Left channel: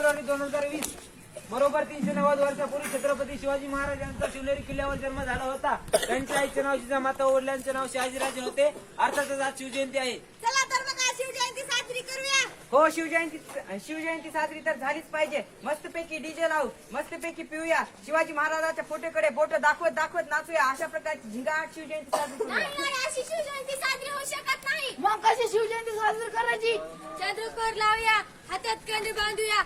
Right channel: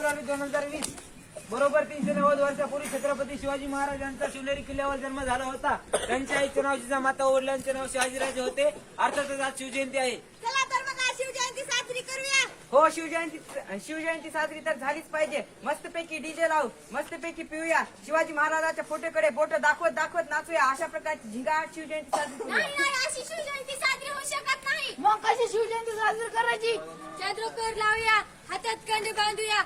February 2020 बरोबर 390 वर्षापूर्वी छत्रपती शिवाजी महाराज यांचा शिवनेरी किल्ल्यावर जन्म झाला होता. त्यांच्या आईचं नाव जिजामाता, वडिलांचे नाव शहाजीराजे होते. अर्थातच आज शिवजयंती आहे. चला तर मग आज शिवजयंती साजरी करूया. हो, शिवजयंती साजरी तर झालीच पाहिजे. मस्तपैकी डीजे लावू, मस्तपैकी पिऊया, शिवाजी महाराजांच्या फोटोकडे बोट दाखवत दाखवत नाचूया. अशा प्रकारची झिंगाट शिवजयंती साजरी करूया. नाही, अशी शिवजयंती साजरी होऊ शकत नाही. मग कशी शिवजयंती साजरी करायची? चंद्रकोर लावूया, हातात कंडी बांधूया,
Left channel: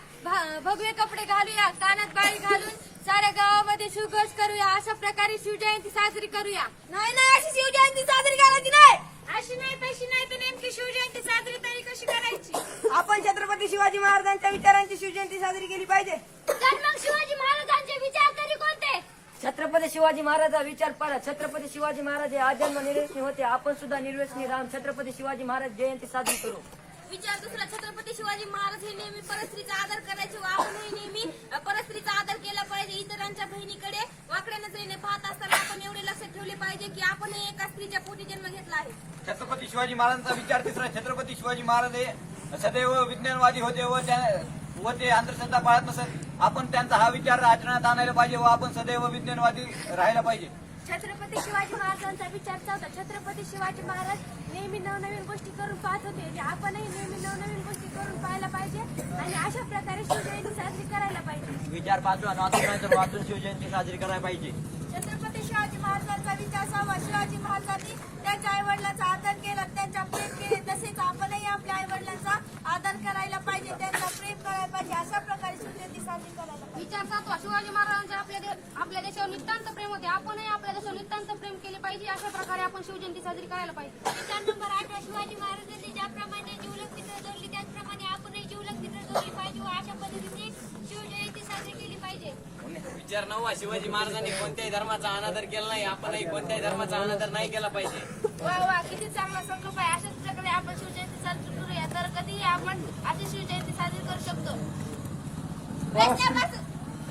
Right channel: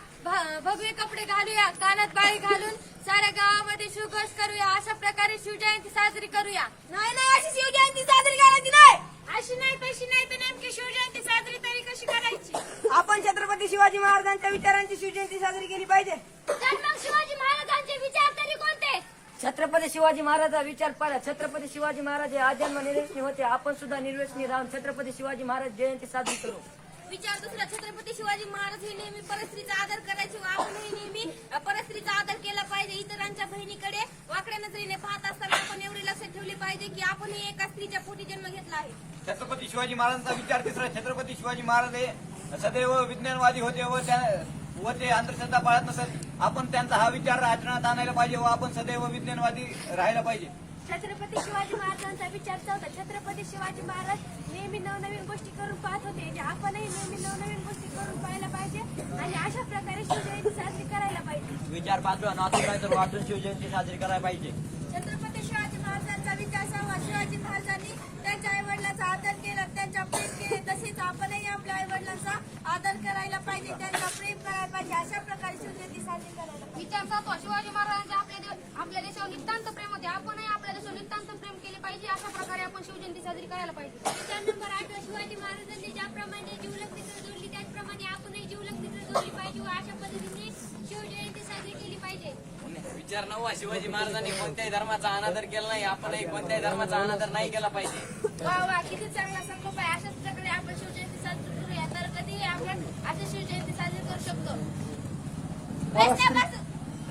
भगवे कपडे घालूया, कानात बाळी घालून साऱ्या गावामध्ये शिवघोष करूया. अशा प्रकारे शिवजयंती साजरी करूया. नाही, अशी शिवजयंती साजरी करायची नाही. अशी नाही तशी नाही, तर नेमकी शिवजयंती साजरी तरी कशी करायची? आपण छत्रपती शिवाजी महाराजांच्या विचारांची शिवजयंती साजरी केली पाहिजे. तर मग शिवाजी महाराजांचे विचार तरी कोणते? छत्रपती शिवाजी महाराजा विचार पाडा. छत्रपती शिवाजी महाराज हे आजन्म निर्व्यसनी होते. आपण सुद्धा निर्व्यसनी राहून छत्रपती शिवाजी महाराज जयंती साजरी करू. विचार दुसरा, छत्रपती शिवाजी महाराज हे नेहमी परस्त्रीचा आदर करायचे व आपणही नेहमी परस्त्रीचा आदर केला पाहिजे. इतरांच्या बहिणीकडे वाकड्या नजरेने पाहत असताना आपण एवढे लक्षात ठेवले पाहिजे की आपणही एका स्त्रीच्या पोटी जन्म घेतला आहे. छत्रपती शिवाजी महाराजांचा विचार तिसरा, छत्रपती शिवाजी महाराज हे सदैव विज्ञानवादी होते व ते अंधश्रद्धा पाळत नसत. आपण त्यांचा हा विचार आचरणात आणायला पाहिजे व आपण सदैव विज्ञानवादी राहायला पाहिजे. छत्रपती शिवाजी महाराजांचा विचार होता, छत्रपती शिवाजी महाराज नेहमी नवनवीन गोष्टी करून पाहत होते. आपणही नेहमी नवनवीन गोष्टी करून पाहायला पाहिजे आणि अशा प्रकारे शिवजयंती साजरी करायला पाहिजे. विचार बाजूला नातूनंतर वाटून शिवजयंती साजरी करायला पाहिजे. छत्रपती शिवाजी महाराजांचा विचार सहावा, शिवाजी महाराजांनी त्यांच्या आई वडिलांचा आदर केला, त्यांच्या प्रेम केले. तसेच आपणही आपल्या आई वडिलांचा आदर करायला पाहिजे, त्यांचा प्रेम करायला पाहिजे. अशा प्रकारे शिवजयंती साजरी करायला पाहिजे. विचार सातवा, शिवाजी महाराजांचे आपल्या देशावर नितांत प्रेम होते. आपणही आपल्या देशावर नितांत प्रेम केले पाहिजे. अशा प्रकारे आपण शिवजयंती साजरी करायला पाहिजे. विचार नंबर 8, शिवाजी महाराजांनी ज्याप्रमाणे जीवलग मित्र जोडली त्याचप्रमाणे आपणही जीवलग मित्र जोडली पाहिजे व अशा पद्धतीने शिवजयंती साजरी केली पाहिजे. विचार 9, शिवाजी महाराजांनी कोणत्याही धर्माचा अनादर केला नाही. आपणही कोणत्याही धर्माचा अनादर नाही केला पाहिजे. वा किती चांगला संकल्प आहे. अशाच प्रकारे आपण शिवजयंती साजरी करूया. तर कधीही आपण अशी शिवजयंती साजरी करू शकतो.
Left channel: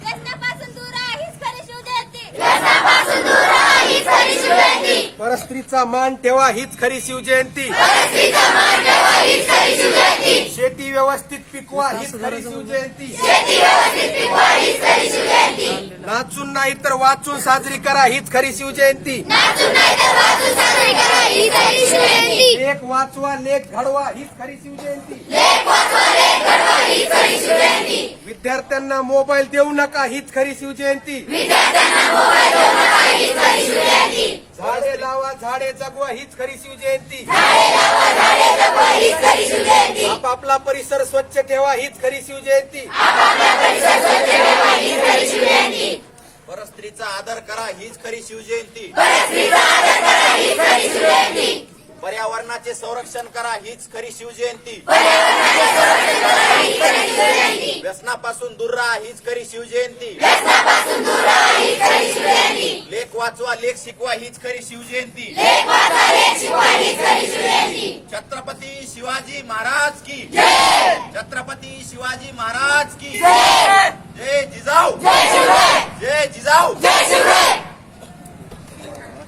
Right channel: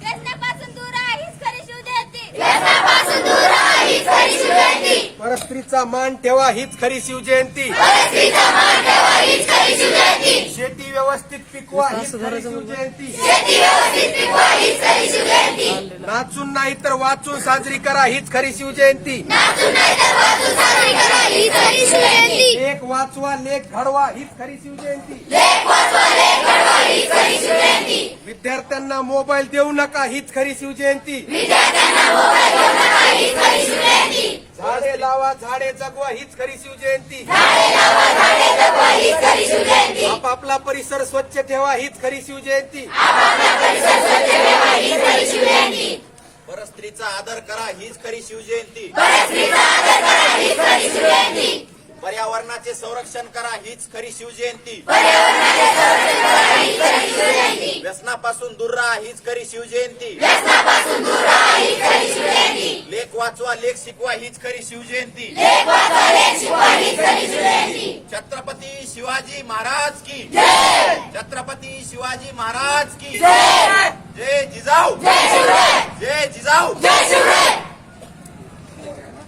व्यसनापासून दूर राहा हीच खरी शिवजयंती. व्यसनापासून दूर राहा हीच खरी शिवजयंती. परस्त्रीचा मान ठेवा हीच खरी शिवजयंती. परस्त्रीचा मान ठेवा हीच खरी शिवजयंती. शेती व्यवस्थित पिकवा हीच खरी शिवजयंती. शेती व्यवस्थित पिकवा हीच खरी शिवजयंती. नाचून नाही तर वाचून साजरी करा हीच खरी शिवजयंती. नाचून नाही तर वाचून साजरी करा हीच खरी शिवजयंती. लेख वाचवा लेख घडवा हीच खरी शिवजयंती. लेख वाचवा लेख घडवा हीच खरी शिवजयंती. विद्यार्थ्यांना मोबाईल देऊ नका हीच खरी शिवजयंती. विद्यार्थ्यांना मोबाईल देऊ नका हीच खरी शिवजयंती. झाडे लावा झाडे जगवा हीच खरी शिवजयंती. झाडे लावा झाडे जगवा हीच खरी शिवजयंती. आपापला परिसर स्वच्छ ठेवा हीच खरी शिवजयंती. आपापला परिसर स्वच्छ ठेवा हीच खरी शिवजयंती. परस्त्रीचा आदर करा हीच खरी शिवजयंती. परस्त्रीचा आदर करा हीच खरी शिवजयंती. पर्यावरणाचे संरक्षण करा हीच खरी शिवजयंती. पर्यावरणाचे संरक्षण करा हीच खरी शिवजयंती. व्यसनापासून दूर राहा हीच खरी शिवजयंती. व्यसनापासून दूर राहा हीच खरी शिवजयंती. लेख वाचवा लेख शिकवा हीच खरी शिवजयंती. लेख वाचा लेख शिकवा हीच खरी शिवजयंती. छत्रपती शिवाजी महाराज की जय. छत्रपती शिवाजी महाराज की जय. जय जिजाऊ. जय शिवराय. जय जिजाऊ. जय शिवराय.